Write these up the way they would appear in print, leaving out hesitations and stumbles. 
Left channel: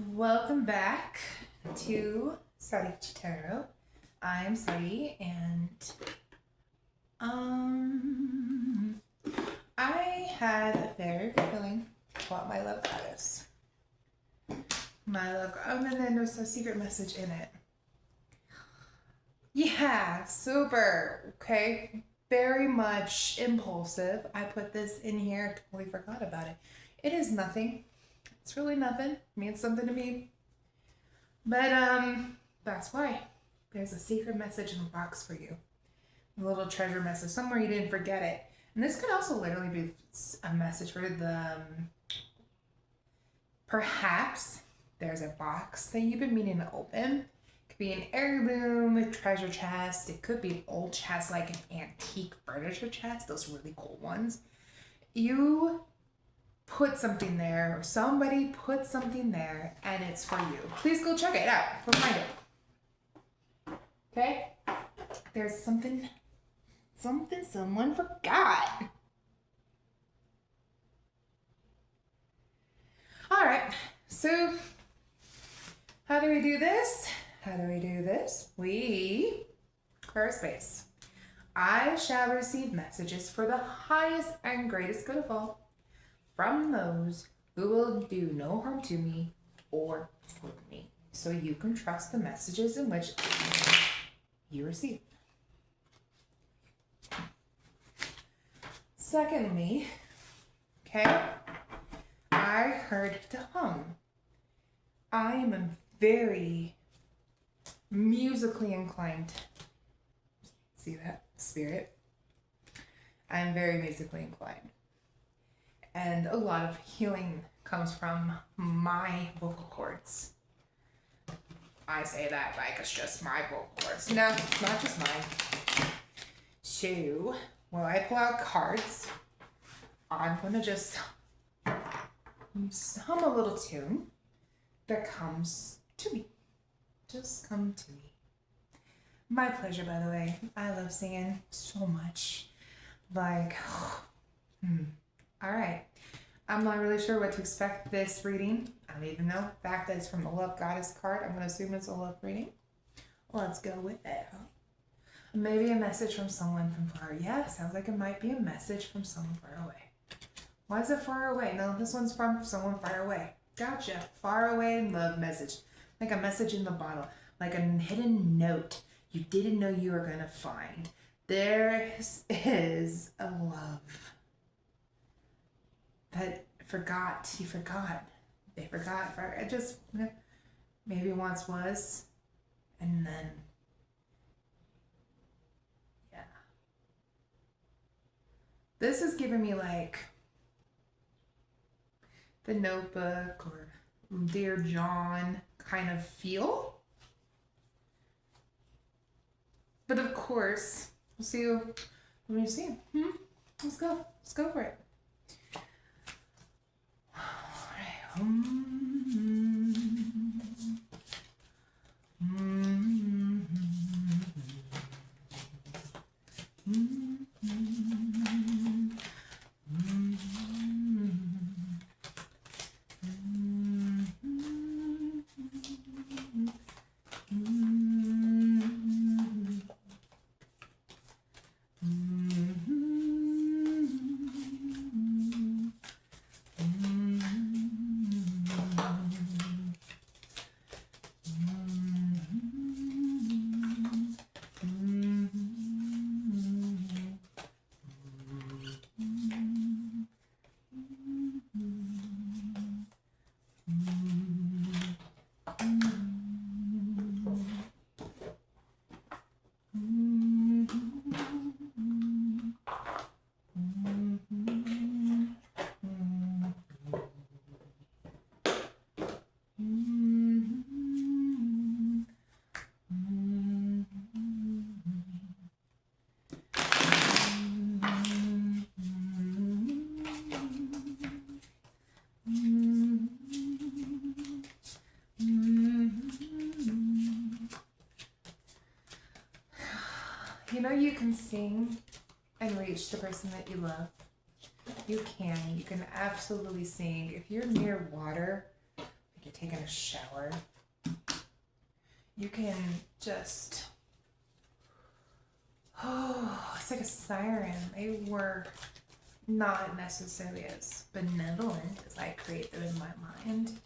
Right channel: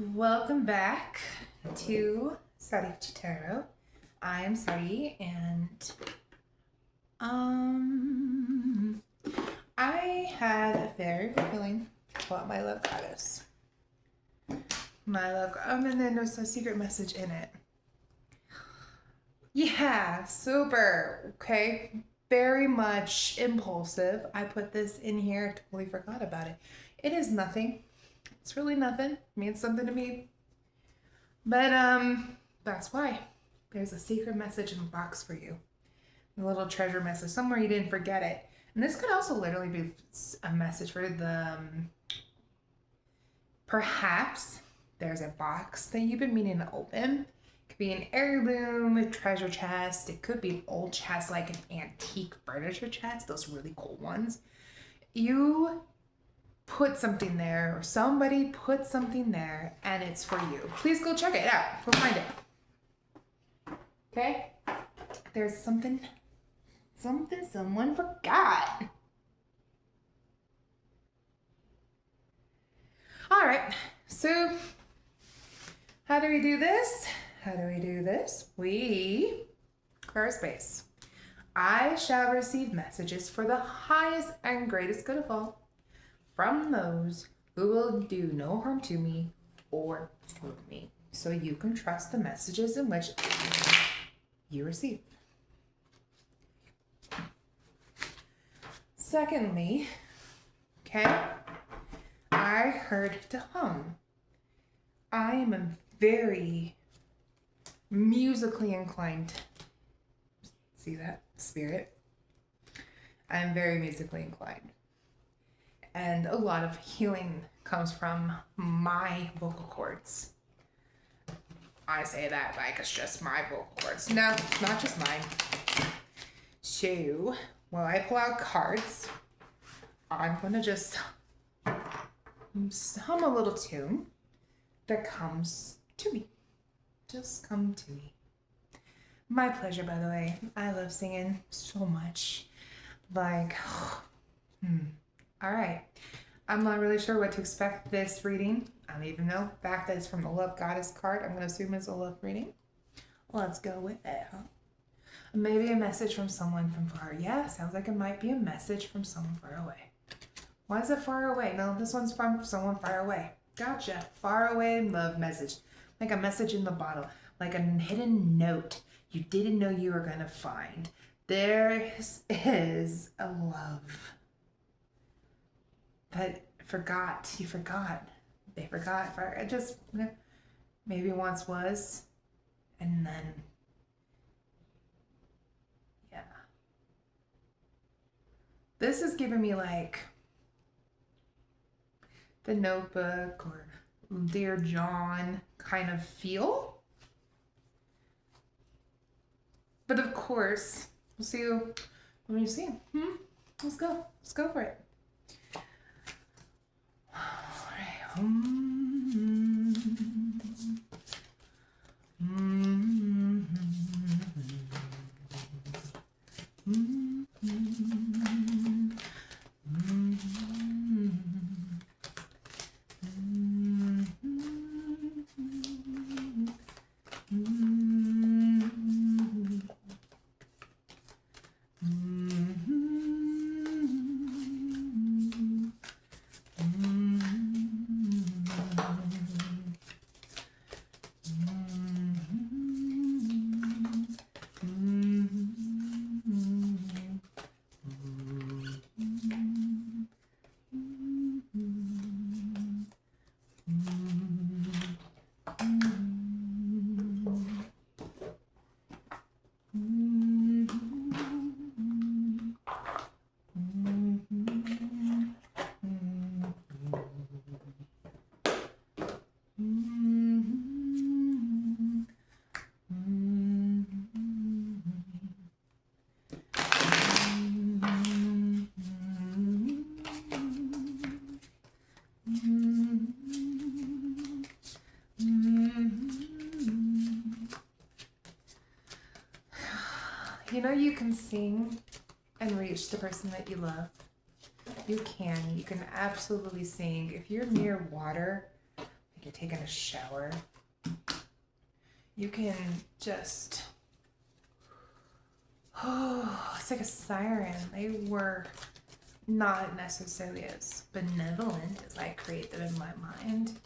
Welcome back to Sari Tarot. I am Sari, and I had a very feeling about my love goddess. My love, and then there's a secret message in it. Yeah, super. Okay, very much impulsive. I put this in here. Totally forgot about it. It is nothing. It's really nothing. It means something to me. But that's why there's a secret message in the box for you. A little treasure message somewhere you didn't forget it. And this could also literally be a message for the perhaps there's a box that you've been meaning to open. It could be an heirloom, a treasure chest. It could be an old chest, like an antique furniture chest, those really cool ones. You put something there, or somebody put something there, and it's for you. Please go check it out. Go find it. Okay? There's something someone forgot. All right, so how do we do this? We clear a space. I shall receive messages for the highest and greatest good of all from those who will do no harm to me or for me. So you can trust the messages in which you receive. Secondly, okay, I heard to hum. I am a very musically inclined. See that? Spirit. I'm very musically inclined. And a lot of healing comes from my vocal cords. I say that like it's just my vocal cords. No, it's not just mine. So, while I pull out cards, I'm going to just hum a little tune that comes to me. Just come to me. My pleasure, by the way. I love singing so much. Like, all right. I'm not really sure what to expect this reading. I don't even know. The fact that it's from the Love Goddess card, I'm going to assume it's a love reading. Let's go with it, huh? Maybe a message from someone from far. Yeah, sounds like it might be a message from someone far away. Why is it far away? No, this one's from someone far away. Gotcha. Far away love message. Like a message in the bottle. Like a hidden note you didn't know you were going to find. There is a love that forgot. You forgot. They forgot. It just maybe once was. And then, yeah. This is giving me like the Notebook or Dear John kind of feel. But of course, we'll see you when you see him. Let's go. Let's go for it. All right. You know you can sing and reach the person that you love. You can absolutely sing. If you're near water, like you're taking a shower, you can just, oh, it's like a siren. They were not necessarily as benevolent as I create them in my mind.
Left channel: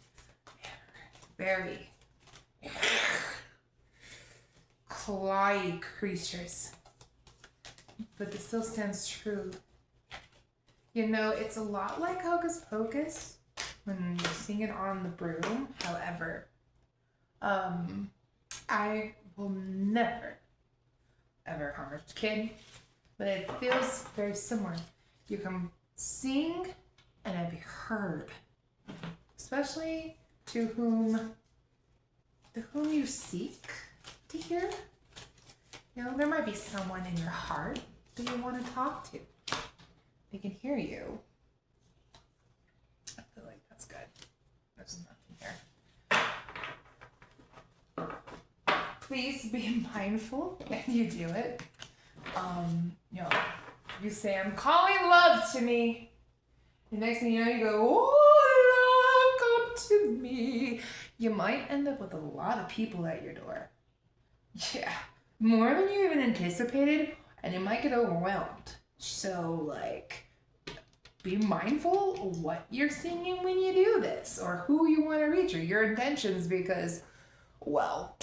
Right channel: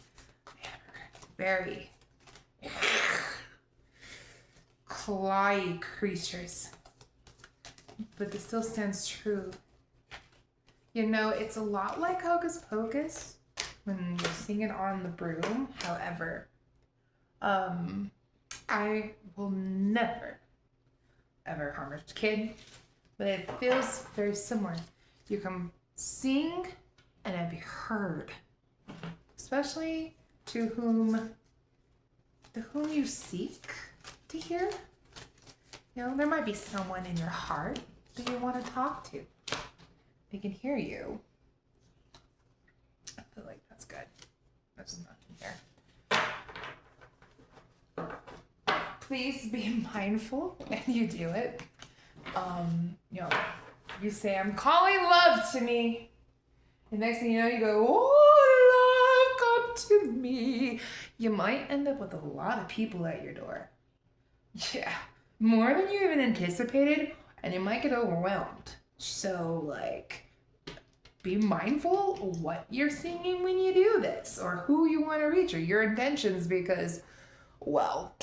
Very clawy creatures. But this still stands true. You know, it's a lot like Hocus Pocus when you're singing on the broom. However, I will never, ever harm a kid, but it feels very similar. You can sing and it'll be heard, especially to whom you seek to hear. You know, there might be someone in your heart that you want to talk to. They can hear you. I feel like that's good. There's nothing here. Please be mindful when you do it. You know, you say, I'm calling love to me. The next thing you know, you go, oh, love, come to me. You might end up with a lot of people at your door. Yeah, more than you even anticipated, and you might get overwhelmed. So, like, be mindful of what you're singing when you do this, or who you want to reach, or your intentions, because, well,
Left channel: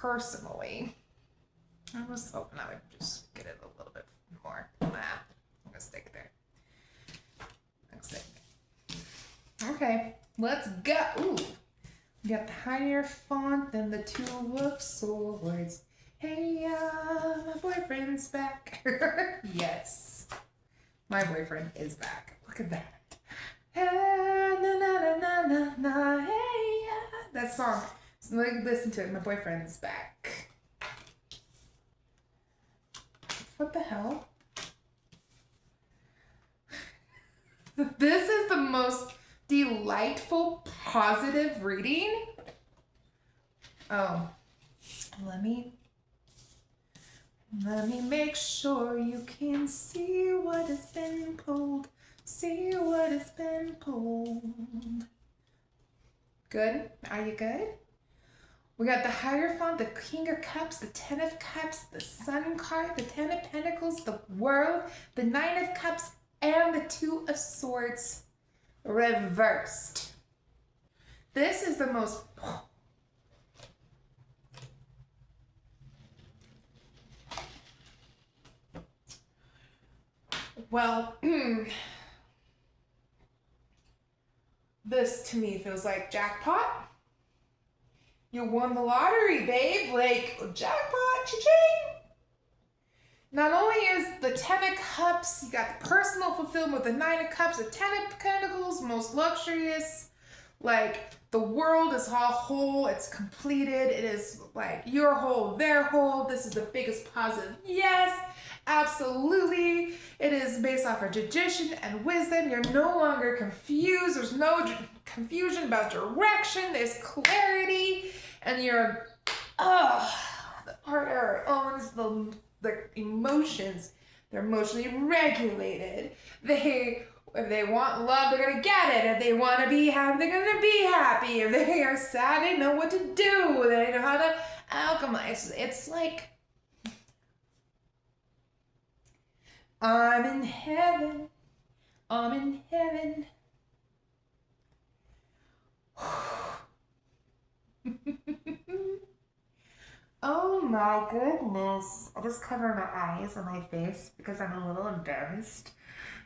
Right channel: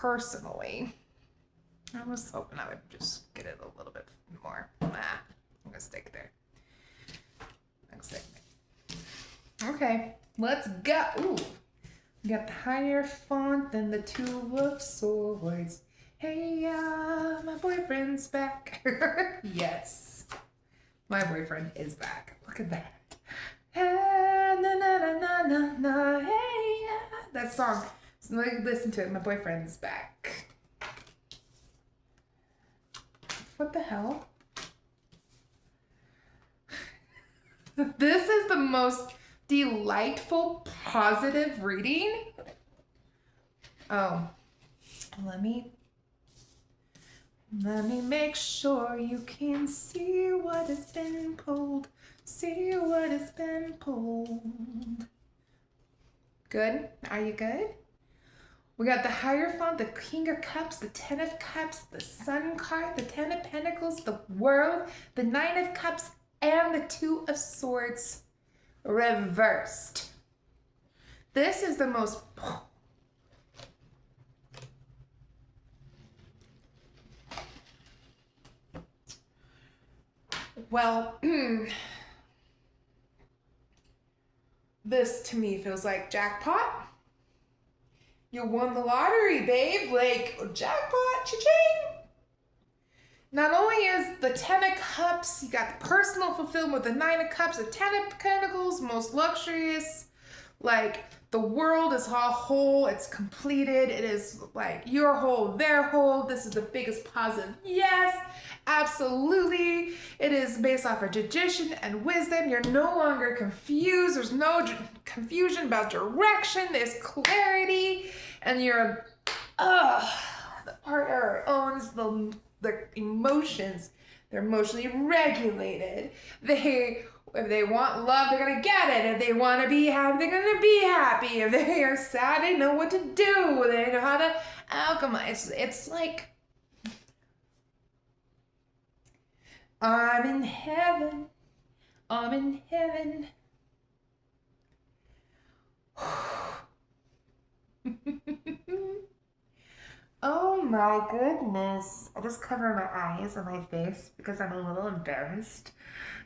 personally, I was hoping I would just get it a little bit more. Nah, I'm gonna stick there. Okay, let's go. Ooh, we got the higher font than the Two of Swords. Hey, my boyfriend's back. Yes, my boyfriend is back. Look at that. Hey, na, na, na, na, na, hey, that song. So listen to it. My boyfriend's back. What the hell? This is the most delightful, positive reading. Oh, let me make sure you can see what has been pulled. See what has been pulled. Good? Are you good? We got the Hierophant, the King of Cups, the Ten of Cups, the Sun card, the Ten of Pentacles, the World, the Nine of Cups, and the Two of Swords reversed. This is the most... Well, this to me feels like jackpot. You won the lottery, babe. Like, jackpot, cha-ching. Not only is the Ten of Cups, you got the personal fulfillment with the Nine of Cups, the Ten of Pentacles, most luxurious. Like, the world is all whole, it's completed. It is like, you're whole, they're whole. This is the biggest positive. Yes, absolutely. It is based off of tradition and wisdom. You're no longer confused. There's no confusion about direction. There's clarity. And you're, the partner owns the emotions. They're emotionally regulated. If they want love, they're gonna get it. If they want to be happy, they're gonna be happy. If they are sad, they know what to do. They know how to alchemize. It's like, I'm in heaven. I'm in heaven. Oh my goodness. I just cover my eyes and my face because I'm a little embarrassed.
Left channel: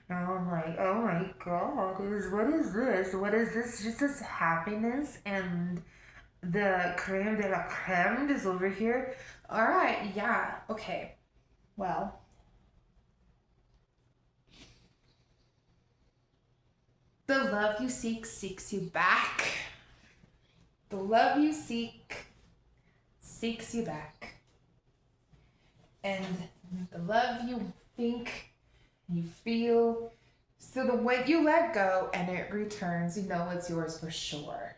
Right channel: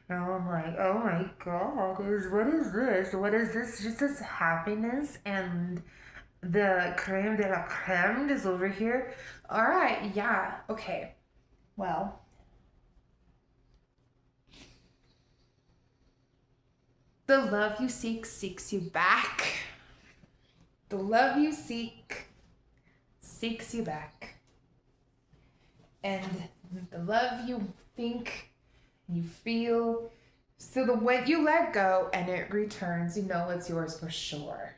Now I'm like, oh my god, what is this? What is this? Just this happiness, and the creme de la creme is over here. Alright, yeah, okay. Well, the love you seek seeks you back. The love you seek seeks you back. And the love you think, you feel, so that when you let go and it returns, you know it's yours for sure.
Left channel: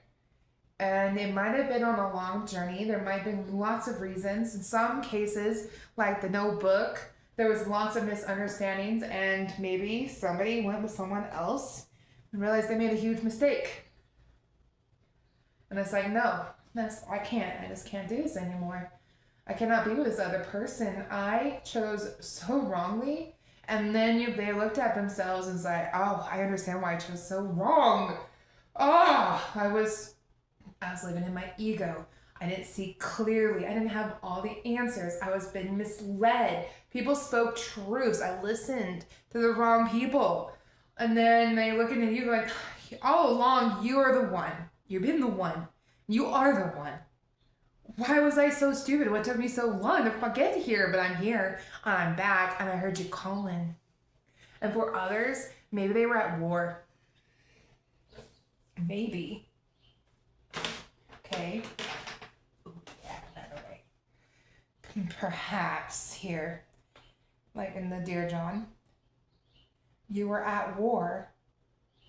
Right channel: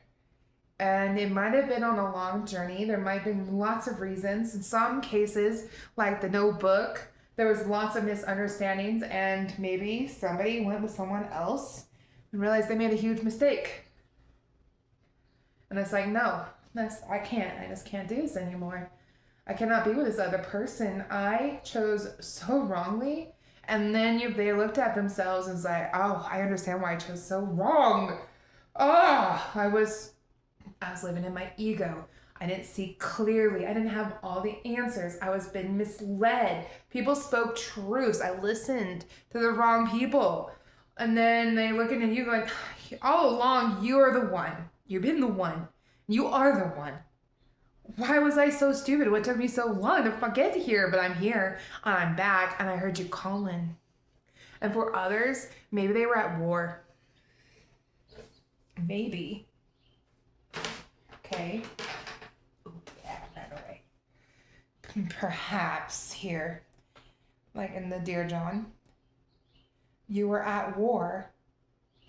And it might have been on a long journey. There might have been lots of reasons. In some cases, like the Notebook, there was lots of misunderstandings, and maybe somebody went with someone else. and realized they made a huge mistake. And it's like, no, I can't. I just can't do this anymore. I cannot be with this other person. I chose so wrongly. And then they looked at themselves and was like, oh, I understand why I chose so wrong. Oh, I was living in my ego. I didn't see clearly. I didn't have all the answers. I was being misled. People spoke truths. I listened to the wrong people. And then they looking at you going, all along, you are the one. You've been the one. You are the one. Why was I so stupid? What took me so long to get here? But I'm here and I'm back and I heard you calling. And for others, maybe they were at war. Maybe. Okay. Ooh, yeah, that way. Perhaps here, like in the Dear John, you were at war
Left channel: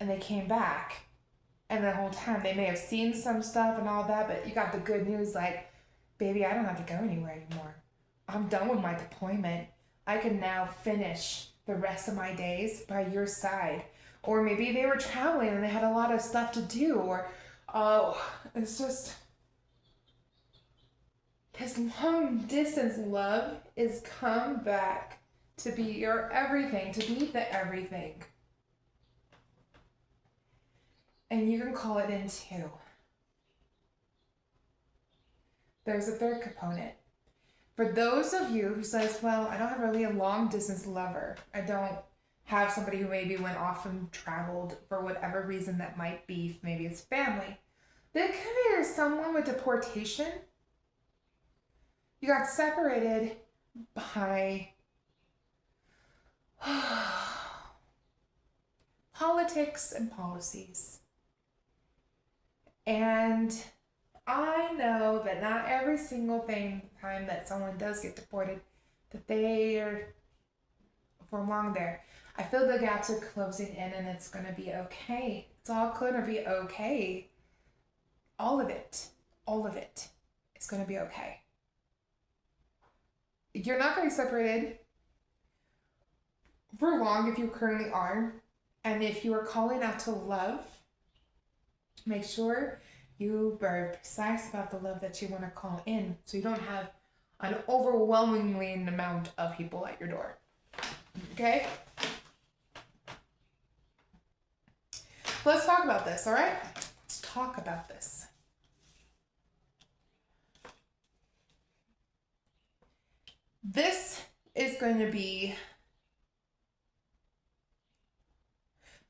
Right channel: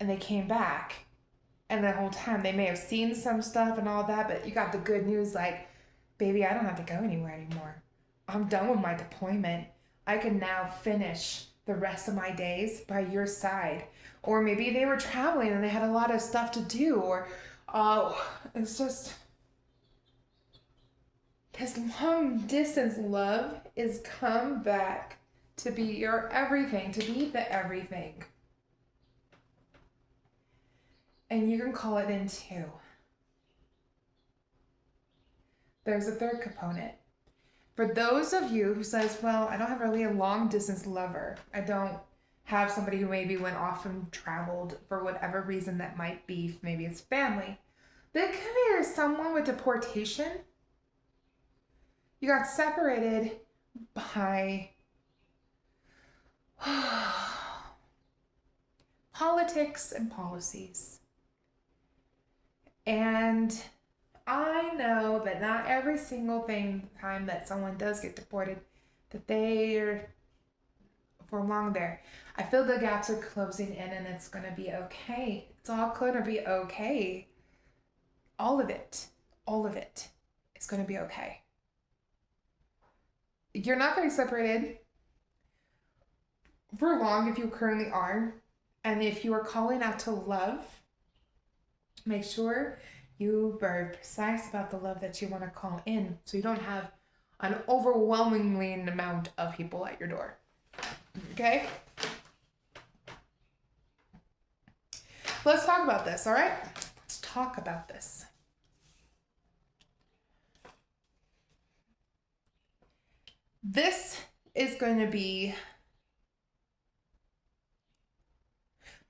and they came back. And the whole time they may have seen some stuff and all that, but you got the good news like, baby, I don't have to go anywhere anymore. I'm done with my deployment. I can now finish the rest of my days by your side. Or maybe they were traveling and they had a lot of stuff to do. Or, it's just, this long distance love is come back to be your everything, to be the everything. And you can call it in too. There's a third component. For those of you who says, well, I don't have really a long distance lover. I don't have somebody who maybe went off and traveled for whatever reason that might be. Maybe it's family. There could be someone with deportation. You got separated by politics and policies. And I know that not every single time that someone does get deported, that they're for long there. I feel the gaps are closing in and it's going to be okay. It's all going to be okay. All of it is going to be okay. You're not going to be separated for long if you currently are. And if you are calling out to love, make sure you are precise about the love that you want to call in so you don't have an overwhelmingly amount of people at your door. Okay? Let's talk about this, all right? Let's talk about this. This is going to be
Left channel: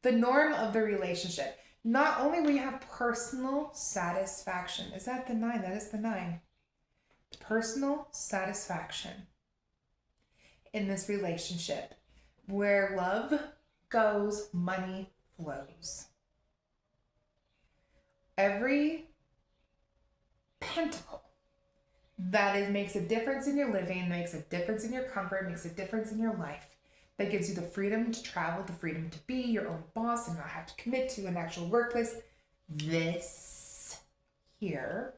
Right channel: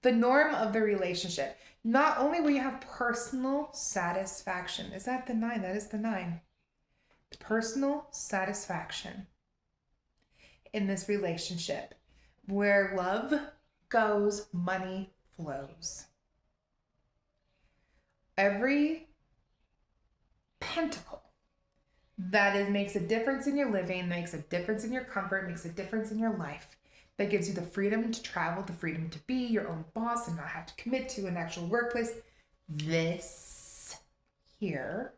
the norm of the relationship. Not only will you have personal satisfaction. Is that the 9? That is the 9. Personal satisfaction in this relationship. Where love goes, money flows. Every pentacle that makes a difference in your living, makes a difference in your comfort, makes a difference in your life, that gives you the freedom to travel, the freedom to be your own boss and not have to commit to an actual workplace. This here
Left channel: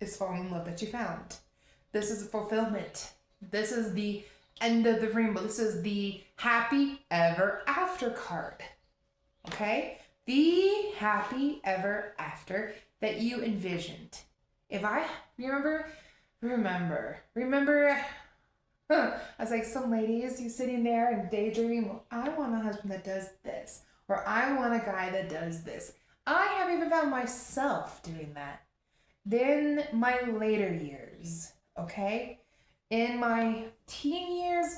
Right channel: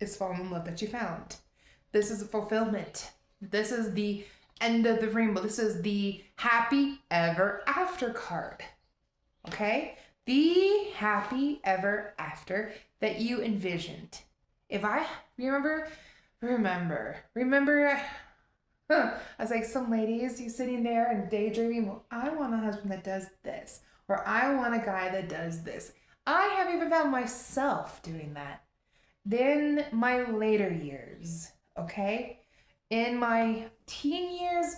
is falling in love that you found. This is fulfillment. This is the end of the rainbow. This is the happy ever after card. Okay? The happy ever after that you envisioned. If I remember, I was like, some ladies, you sitting there and daydreaming, well, I want a husband that does this, or I want a guy that does this. I have even found myself doing that. Then my later years, okay? In my teen years,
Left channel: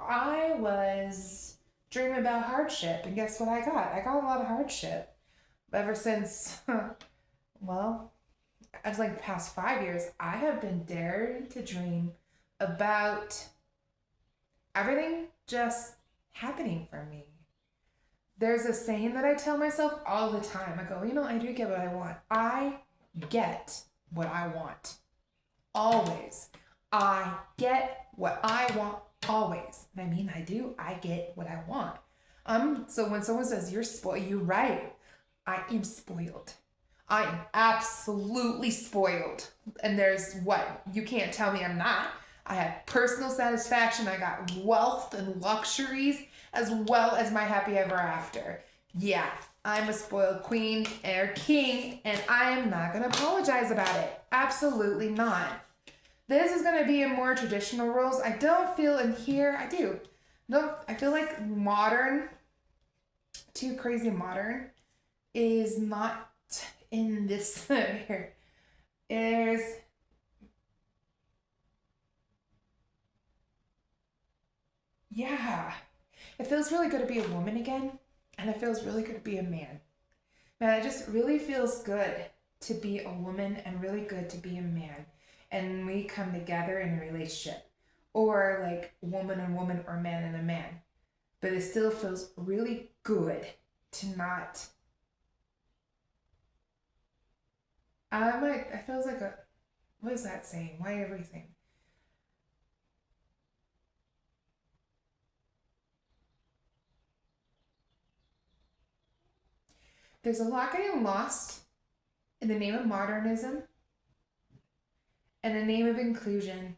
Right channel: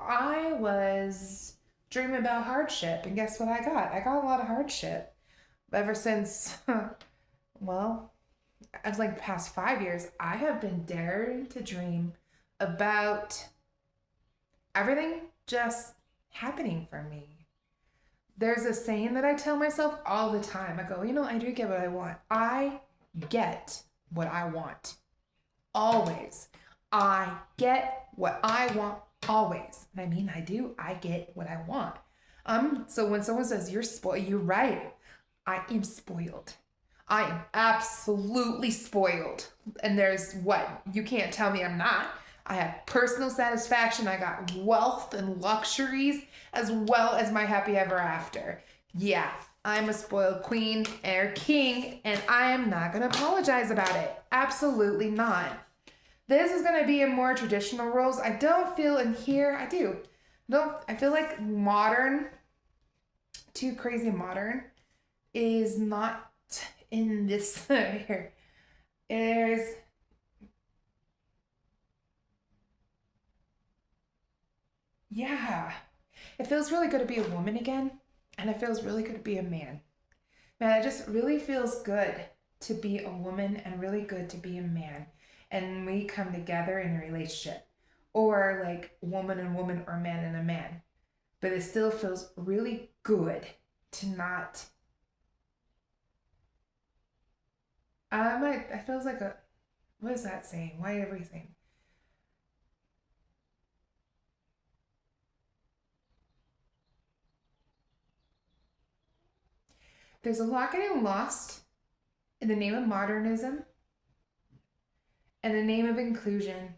I was dreaming about hardship, and guess what I got? I got a lot of hardship. Ever since, well, I was like the past 5 years, I have been daring to dream about everything just happening for me. There's a saying that I tell myself all the time. I go, I do get what I want. I get what I want. Always. I get what I want always. And I mean, I do. I get what I want. So when someone says you're spoiled, you're right. I am spoiled. I am absolutely spoiled. And there's what? You can't tell me I'm not. I had personal satisfaction. I got wealth and luxuries as well as my happy ever after. Yeah, I'm a spoiled queen or king, and I am not going to apologize about it. Absolutely not. This is going to be in more traditional roles. I don't feel in here, I do. No, I feel like modern, too crazy modern, is not in this here. There's, yeah. It feels really good to be a woman again, and it feels really good to be a man. Man, it just really feels good to be a woman and really good to be a man. And we come together in a relationship. Or like woman and woman or man and a man. But it still feels really good to not. It feels like a. What is that saying? Why everything? There's a lot getting lost in the name of modernism and the name of inclusion.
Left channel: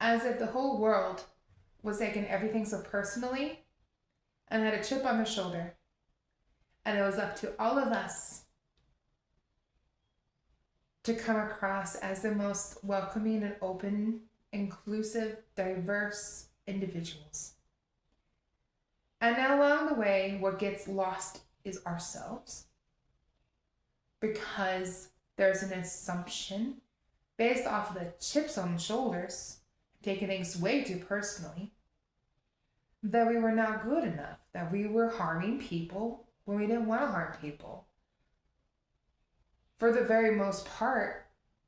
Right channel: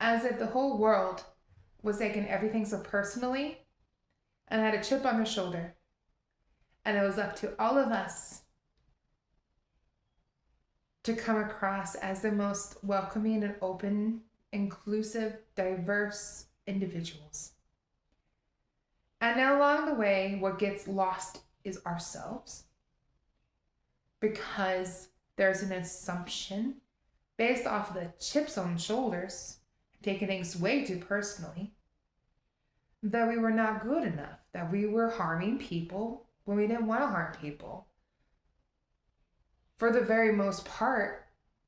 As if the whole world was taking everything so personally and had a chip on their shoulder. And it was up to all of us to come across as the most welcoming and open, inclusive, diverse individuals. And then along the way, what gets lost is ourselves. Because there's an assumption based off of the chips on the shoulders, taking things way too personally, that we were not good enough, that we were harming people when we didn't want to harm people. For the very most part,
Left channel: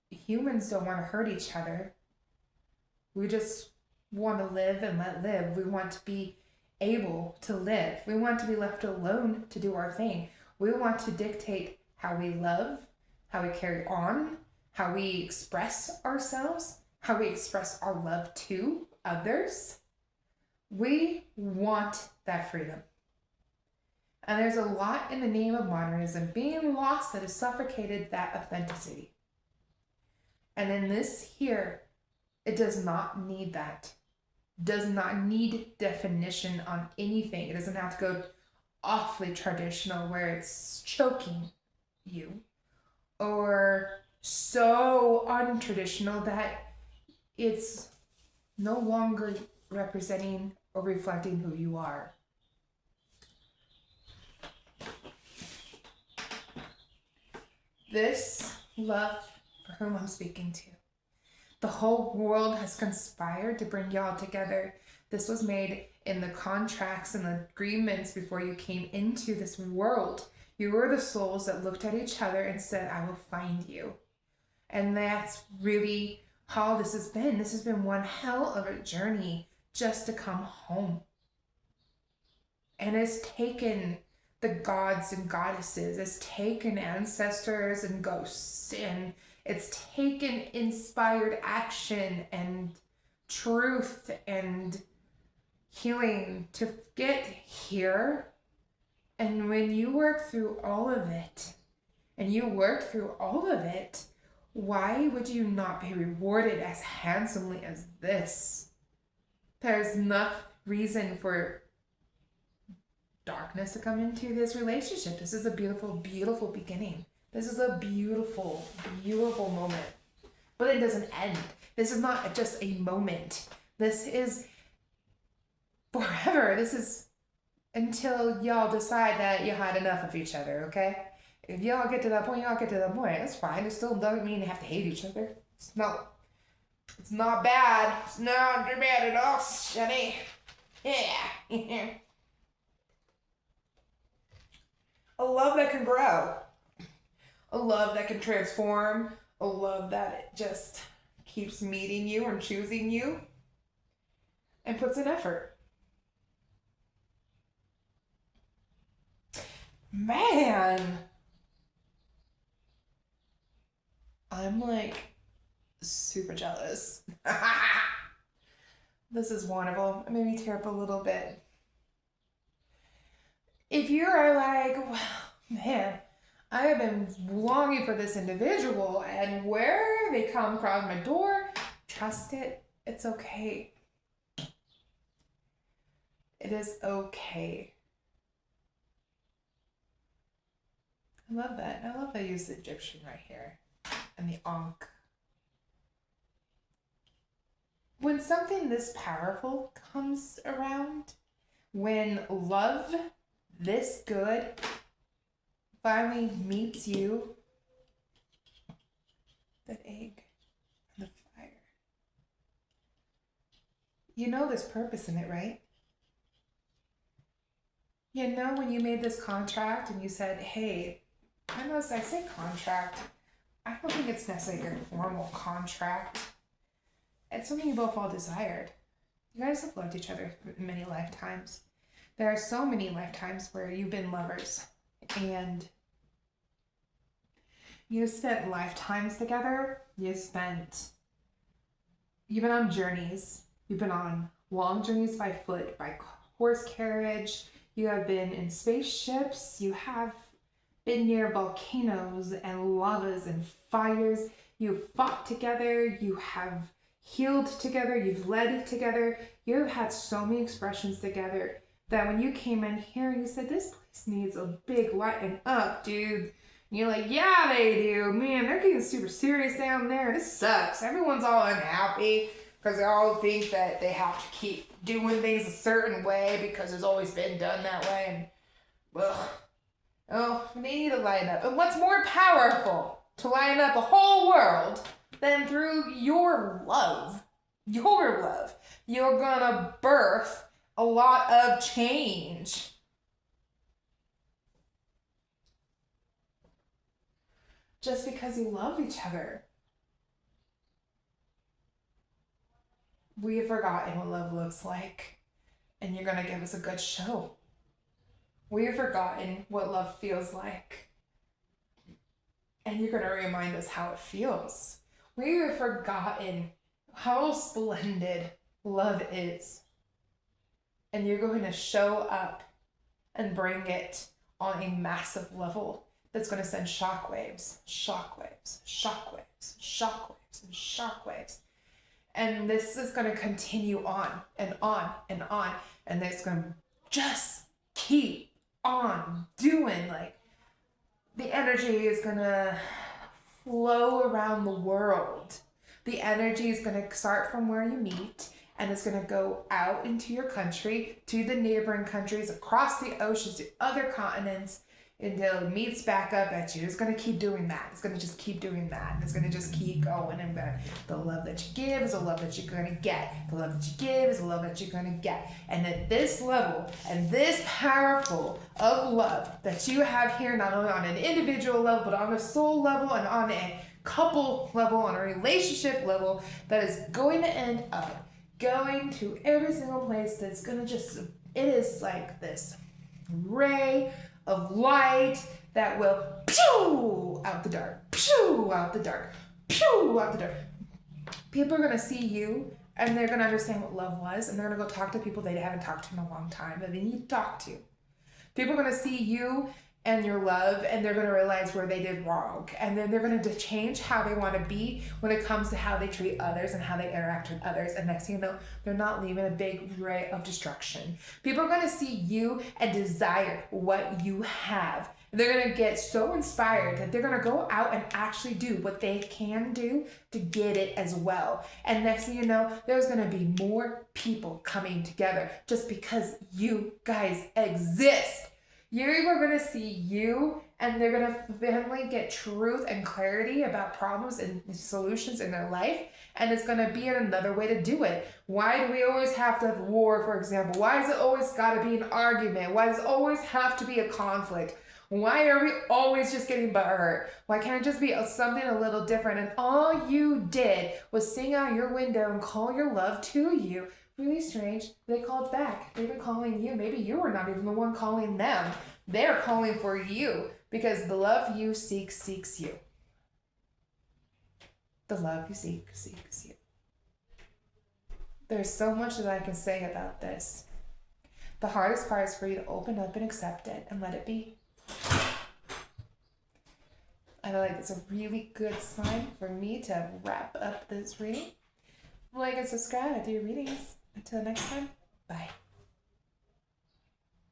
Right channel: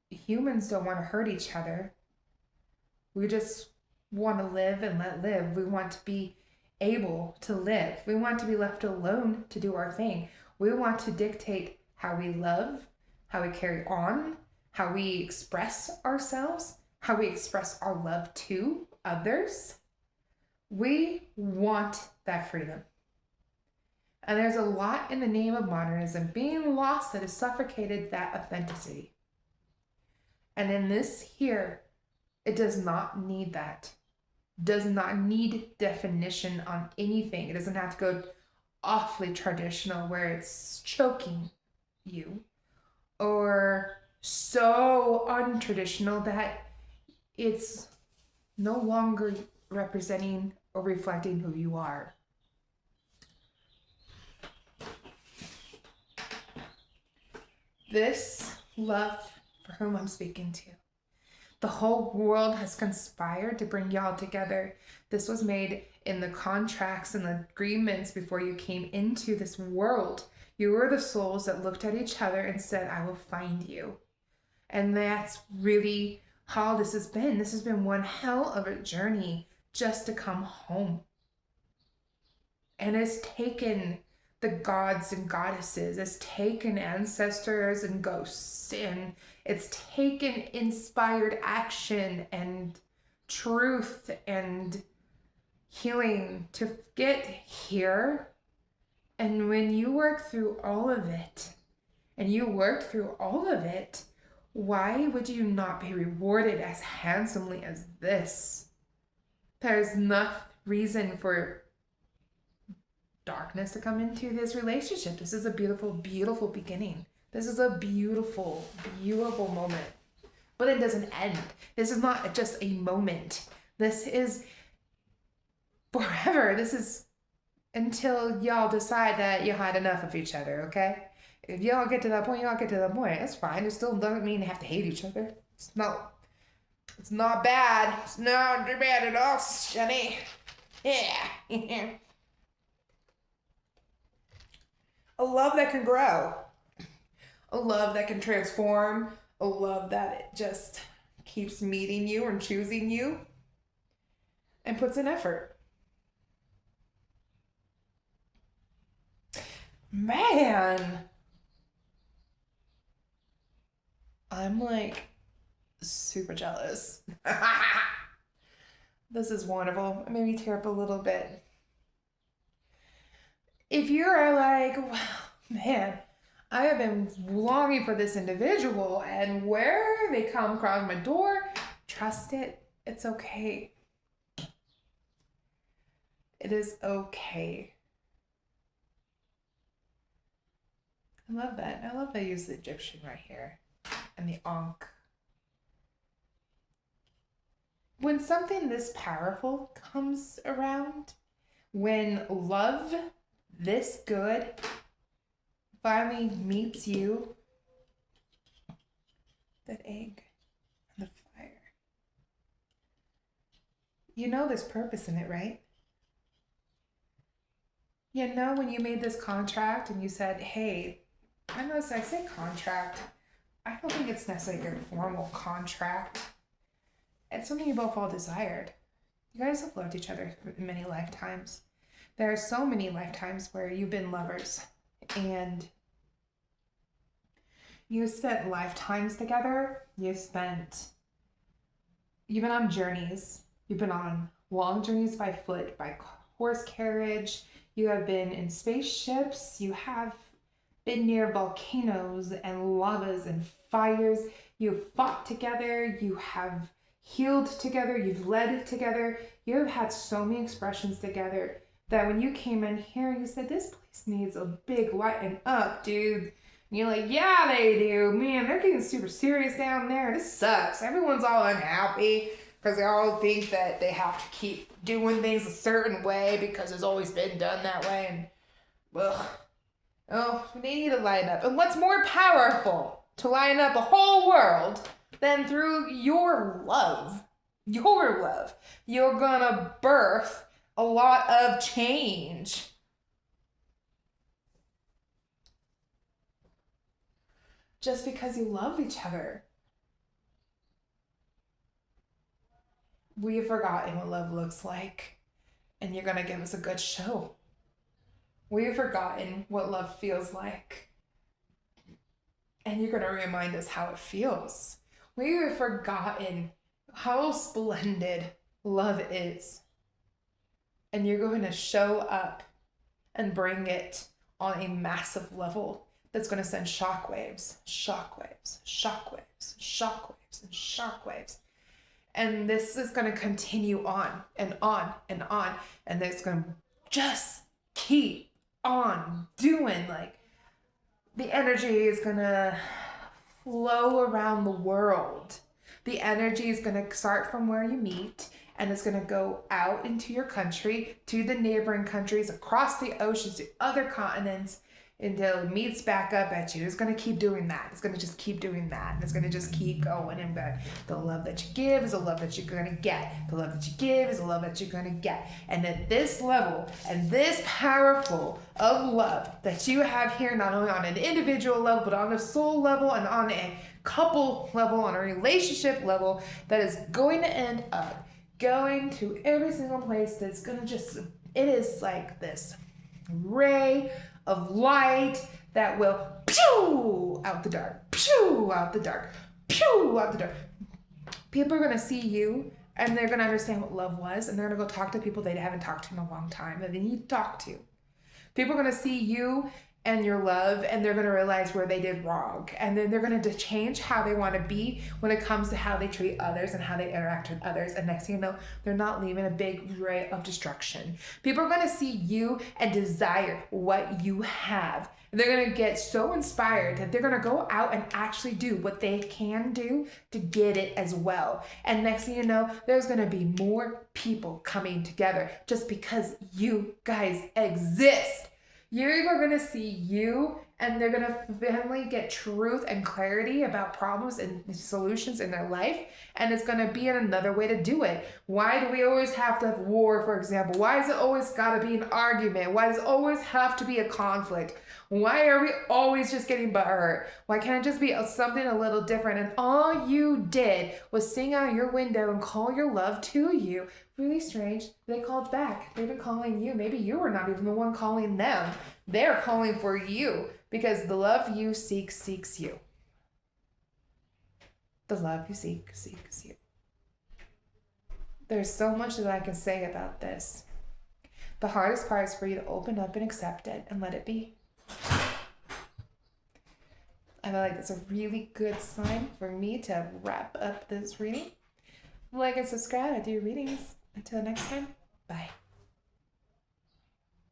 humans don't want to hurt each other. We just want to live and let live. We want to be able to live. We want to be left alone to do our thing. We want to dictate how we love, how we carry on, how we express ourselves, how we express our love to others. We want that freedom. And there's a lot in the name of modernism being lost that has suffocated that authenticity. And in this here, it does not need that. Does not need definition on anything. It doesn't have to go awfully traditional where it's choking you, or so untraditional that it's no longer representing or reflecting who you are. This love for whom I'm speaking to, the whole world has conspired to bring y'all together. This was made in the contracts and the agreements before you came into this world. You were the souls that looked at each other and said, I will find you. And that's really how this has been. This has been one hell of a journey just to come home. And it's taken the gods and goddesses, it's taken ancestors and ghosts, and it's taken inspired action and truth and healing to get here. And when you work through all of it, why would you not be rewarded as handsomely as this? There's no reason for darkness to come into this relationship. This is a beautiful, beautiful beginning. This is a beautiful, beautiful moment. But it doesn't end. This is not just a moment. This is forever. This is until y'all decide that you had enough of each other, okay? If y'all get to that point, y'all get to that point. That's fine. It still doesn't mean you have to hate each other. It's not bad. It's not bad at all, Shani. Yeah. A love that can grow. A love that can transform. A love that just keeps meeting you and choosing you and puts in effort. Man, I'm like super jealous. This is wonderful. It made me tear up a little bit. If you're like, well, man, I have been longing for this individual, and where they come across my door, trust it. It's okay. It is okay. I love that. I love that I use the Egyptian right here and the Ankh. When something this powerful comes around, when love this good finally meets you, that egg and the fire, you know there's purpose in it, right? You know when you made this contract and you said, hey, I notice I say contract. I don't think it's necessarily a formal contract. It's something you both all desired. You guys have loved each other for many lifetimes. There are so many lifetimes where you've been lovers and you spent lifetimes together. You've been on journeys. You've been on long journeys by foot, by horse carriage. You have been in spaceships. You have been near volcanoes and lavas and fires. You've fought together. You have healed together. You've led together. You've had so many expressions together that when you came in here, you said, this place needs a big lighten up, dude. And you're like, yeah, they do. Man, they're getting super serious down there. This sucks. Everyone's all unhappy because they all think that they have to keep doing things a certain way because it's always been done that way. And, well, oh, they need to lighten up. And what's more powerful to lighten up a whole world than through your love? Your love. You're gonna birth a lot of change. Just because you love each other. We have forgotten what love looks like, and you're gonna give us a good show. We have forgotten what love feels like, and you're gonna remind us how it feels. We have forgotten how splendid love is, and you're going to show up and bring it on a massive level that's going to send shockwaves, shockwaves, shockwaves, shockwaves, and shockwaves. And this is going to continue on and on and on, and it's going to just keep on doing. Like, the energy is going to flow around the world. The energy is going to start from where you meet, and it's going to go out into your country, to the neighboring countries, across the oceans, to other continents, until it meets back up at you. It's going to keep doing that. It's going to just keep doing that. And it's going to just keep going. And the love that you give is the love that you're going to get. The love that you give is the love that you're going to get. And at this level, and this powerful of love that you have here, not only on an individual level, but on a soul level and on a couple level, on a relationship level, that is going to end up going to every single place that's going to just, it is like this ray of light that will pew out the dark, pew out the dark, pew out the dark. People are going to see you, and they're going to understand what love was, and they're going to go talk to people they haven't talked to in a long time that they need to talk to. People are going to see you and your love, and they're going to realize where they did wrong, and then they're going to change how they want to be when it comes to how they treat others and how they interact with others. And next thing you know, they're not leaving a big ray of destruction. People are going to see you and desire what you have. And they're going to get so inspired that they're going to go out and actually do what they can do to get it as well. And next thing you know, there's going to be more people coming together just because you guys exist. You're going to see you, and they're going to finally get truth and clarity about problems and solutions in their life, and it's going to be another way to do it. Why do we always have to have war, for example? Why does it always got to be an argument? Why does it always have to be a conflict? Why are we always just getting butthurt? Why can't it just be something a little different? And all you did was sing out your window and call your love to you. Really strange. They called back. They've been calling you. Maybe you were not even the one calling them. They're calling for you because the love you seek seeks you. The love you seek seeks you. There's so much that I can say about this. The hardest part is for you to open up and accept it and let it be. I feel like it's a really good sign for me to wrap up this reading. Like and subscribe. I do readings. Until next time, bye.